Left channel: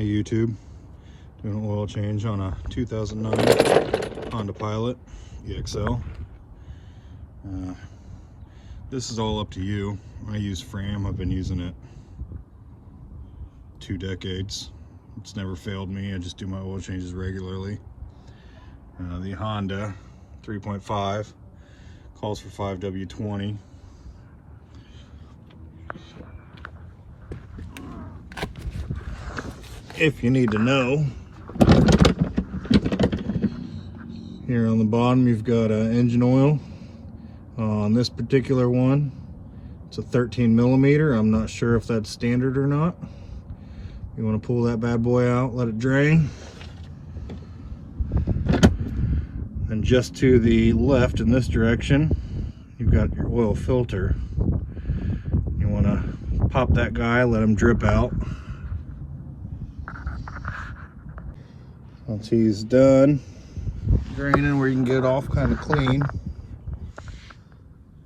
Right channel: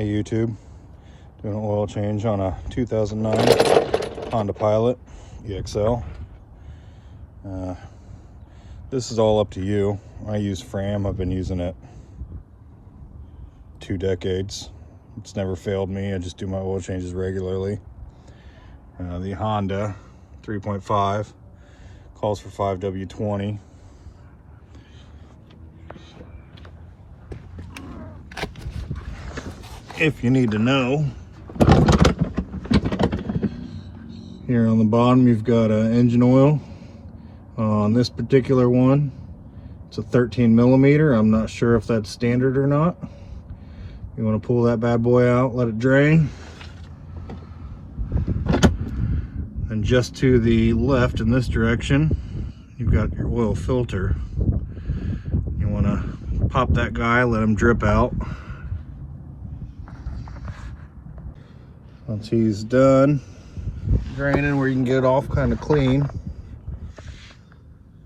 Hey YouTube, doing an oil change on a 2009 Honda Pilot EXL. This is all up to you. I use Fram. I've been using it 2 decades. It's never failed me. I just do my oil changes regularly. The Honda 3.5 calls for 5W20. If you need to know, here on the bottom you've got engine oil. On this particular one, it's a 13 millimeter. I'm not sure if that's standard or not. You want to pull that bad boy out, let it drain. And just to the left in this direction, you've got your oil filter. You want to pop that guy, let him drip out. Once he's done draining, where you can get it off kind of clean,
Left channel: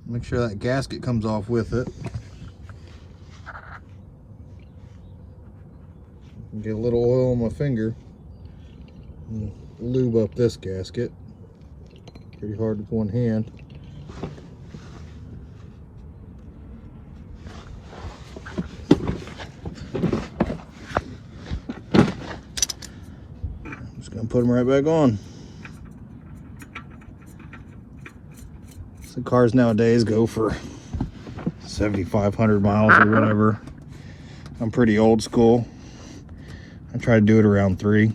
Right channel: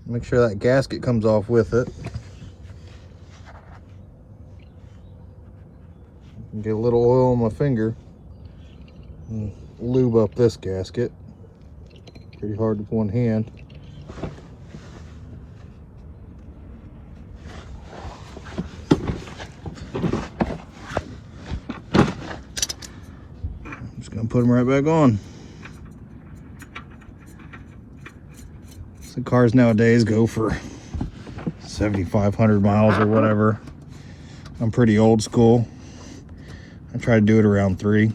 make sure that gasket comes off with it. Get a little oil on my finger and lube up this gasket. Pretty hard with one hand. Gonna put them right back on. So cars nowadays go for 7,500 miles or whatever. I'm pretty old school. I try to do it around 3.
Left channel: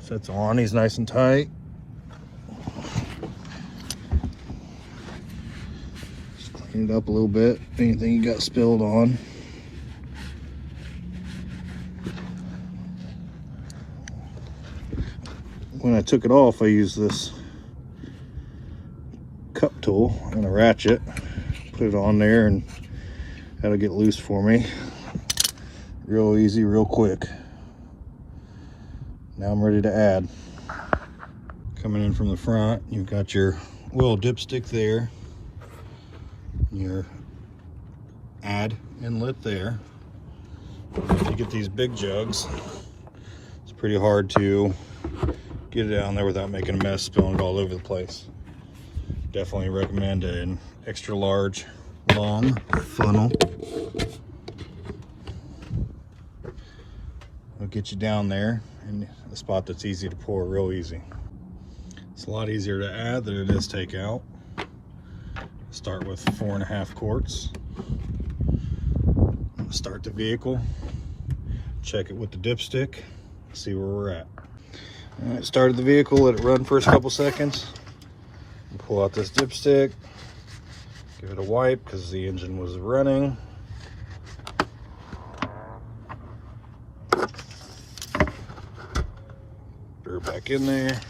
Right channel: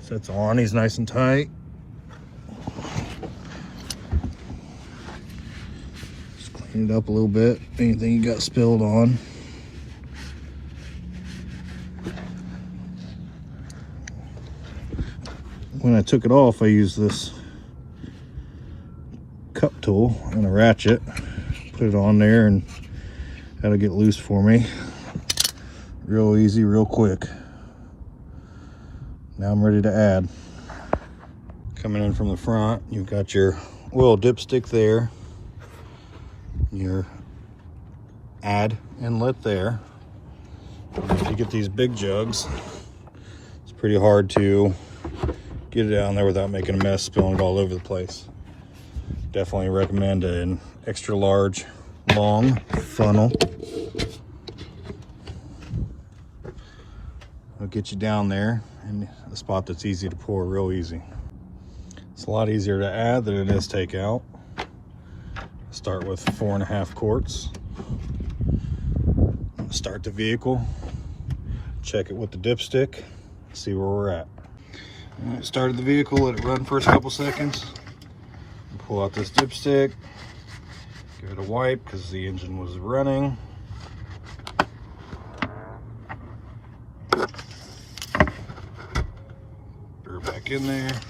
Sets on, he's nice and tight. Just clean it up a little bit. Anything you got spilled on. When I took it off, I used this cup tool and a ratchet. Put it on there and that'll get loose for me. Real easy, real quick. Now I'm ready to add. Coming in from the front, you've got your oil dipstick there. Your add inlet there. If you get these big jugs, it's pretty hard to get it down there without making a mess, spilling it all over the place. Definitely recommend an extra large, long funnel. It'll get you down there in a spot that's easy to pour, real easy. It's a lot easier to add than it is take out. Start with 4.5 quarts. Start the vehicle, check it with the dipstick, see where we're at. All right, started the vehicle, let it run for a couple seconds. Pull out this dipstick, give it a wipe because the engine was running. Throw it back in there.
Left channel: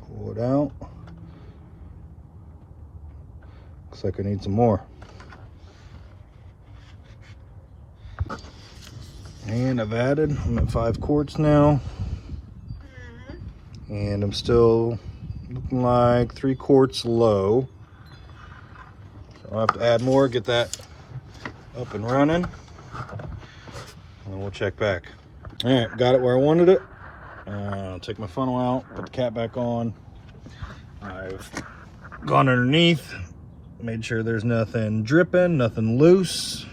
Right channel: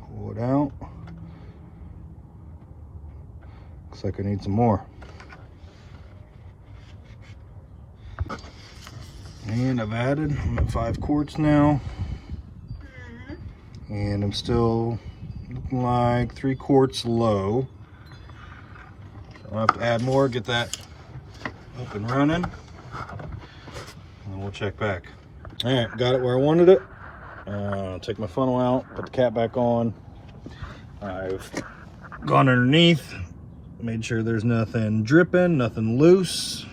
Pull it out. Looks like I need some more. And I've added, I'm at 5 quarts now. And I'm still looking like 3 quarts low. So I'll have to add more, get that up and running. And we'll check back. All right, got it where I wanted it. Take my funnel out, put the cap back on. I've gone underneath, made sure there's nothing dripping, nothing loose.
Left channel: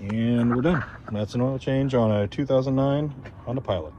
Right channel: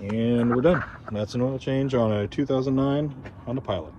And we're done. That's an oil change on a 2009 Honda Pilot.